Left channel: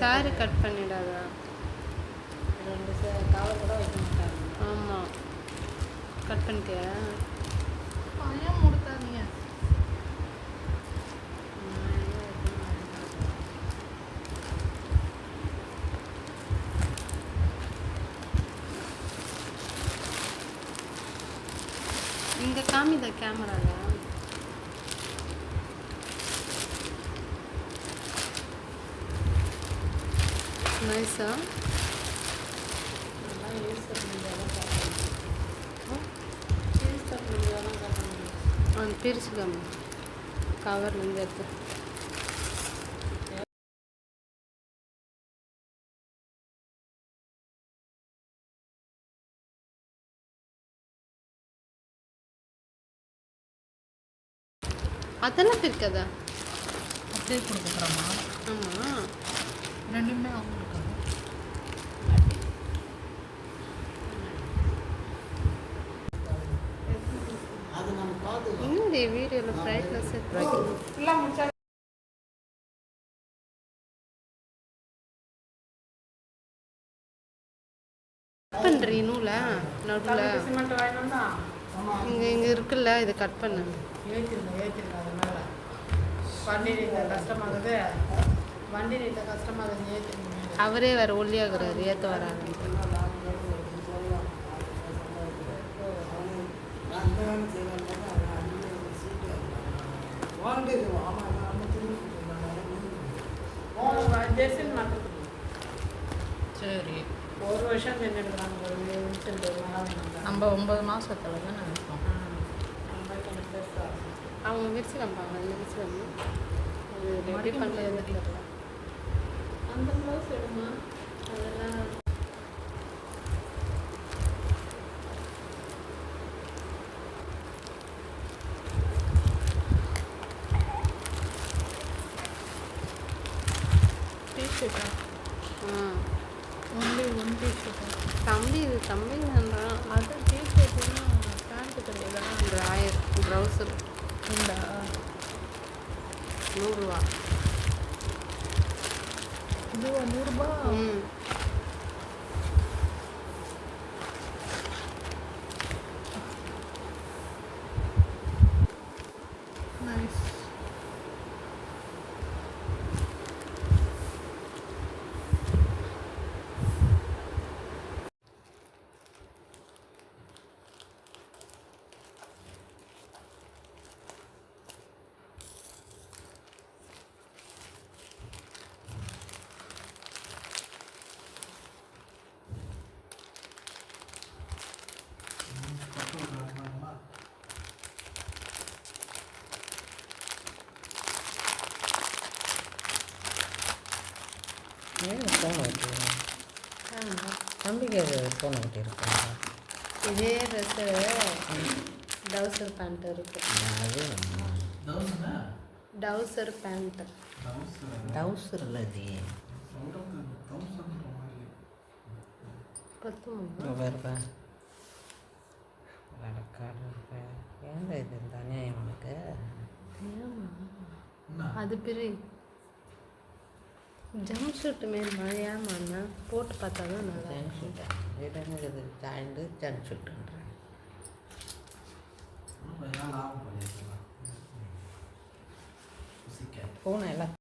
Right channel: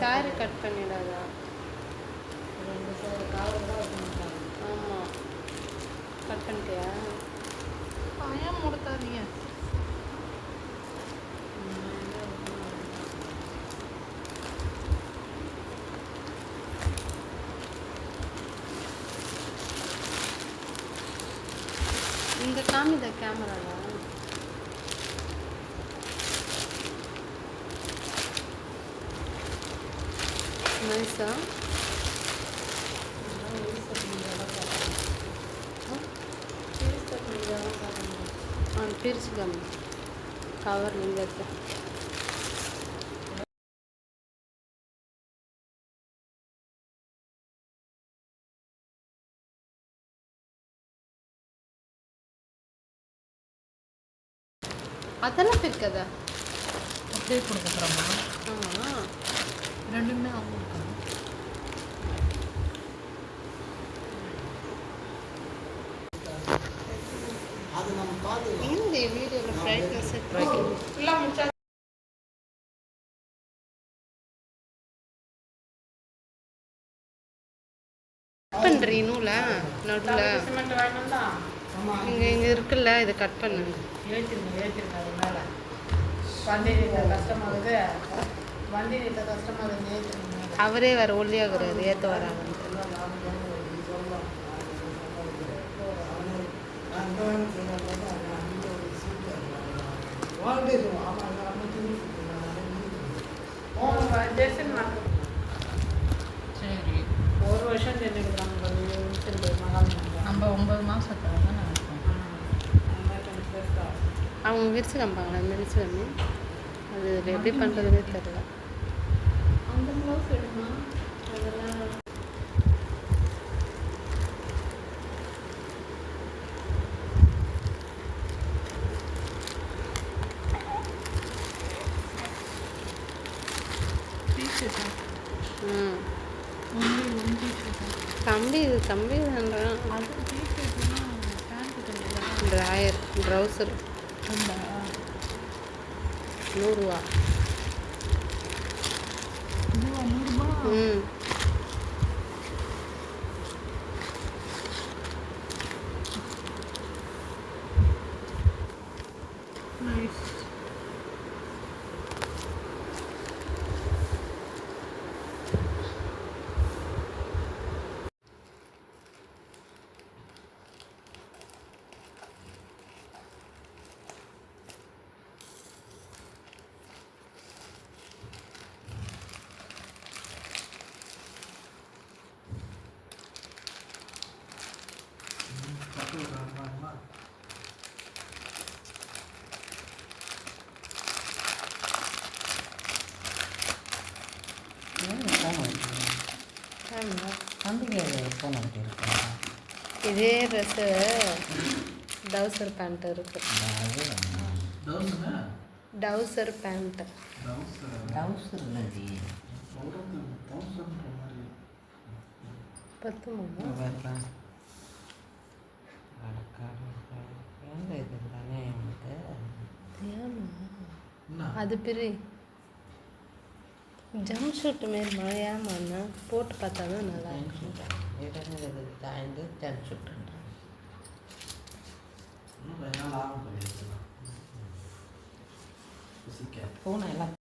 Sorry cut பண்ணிடாதா? ஆமாம், cut பண்ணிட்டியா? பயம் முடுத்தாதீங்க. இந்த காமித கேமரால நைஸா? பிரிச்சுதான் கவர் நீங்கள் எடுத்து அதெல்லாம் பிரிக்காதா? அப்படியே கொடுக்குறோமா? ஆமாம், ரெண்டுமே அவங்களுக்கு இந்த வீடியோவில் பிரைட்னஸ் கட் பண்ணுறீ நூலை நடுவில் இங்கே இருக்குல்ல, இதை கட் பண்ணுங்க. அவரே வேறு ஒல்லியாகிறாரு, ஏற்ற வராங்கன்ட்டு. சரி, ஒரு வருஷம் செஞ்சுருக்குறாங்க. நம்ம 9 மாதத்தில் தான் நினைப்போம். அவங்க விரிச்சு காமிப்பாங்க, விரிச்சு அது எப்படி பண்ணுறதுன்னு தெரியல. அந்த ப்ளவுஸ் எடுமா, அதெல்லாம் டீஷர்ட்டா? தம்பி தம்பி வேண்டாம். அது டீஷர்ட்னா பேண்ட்டு கிடையாது. ட்ராயர் ட்ரௌசர் உண்டா? 100 ரூபா. இதுவா 100 ரூபா? நைஸ். தம்பிக்கு ஃபோன் பண்ணியிருக்காங்க. இதே ட்ரெஸ்ஸு டவுசர் பேண்ட் இருக்கு. டவுசர் பேண்ட்டு டவுசர் இல்லை நீ பத்துமா? வேறு ஏங்க இது தானே உனக்கு? ஏமா அது பிரி ஜம்ப் ஷூட் மாரி மழையாமாண்ணா போட்டு பார்த்தா தான் நல்லா இருக்கும். இடங்கிறது தாய்ந்து ஜம்ப் ஷூட்டுன்றேன். பூனை எல்லாம்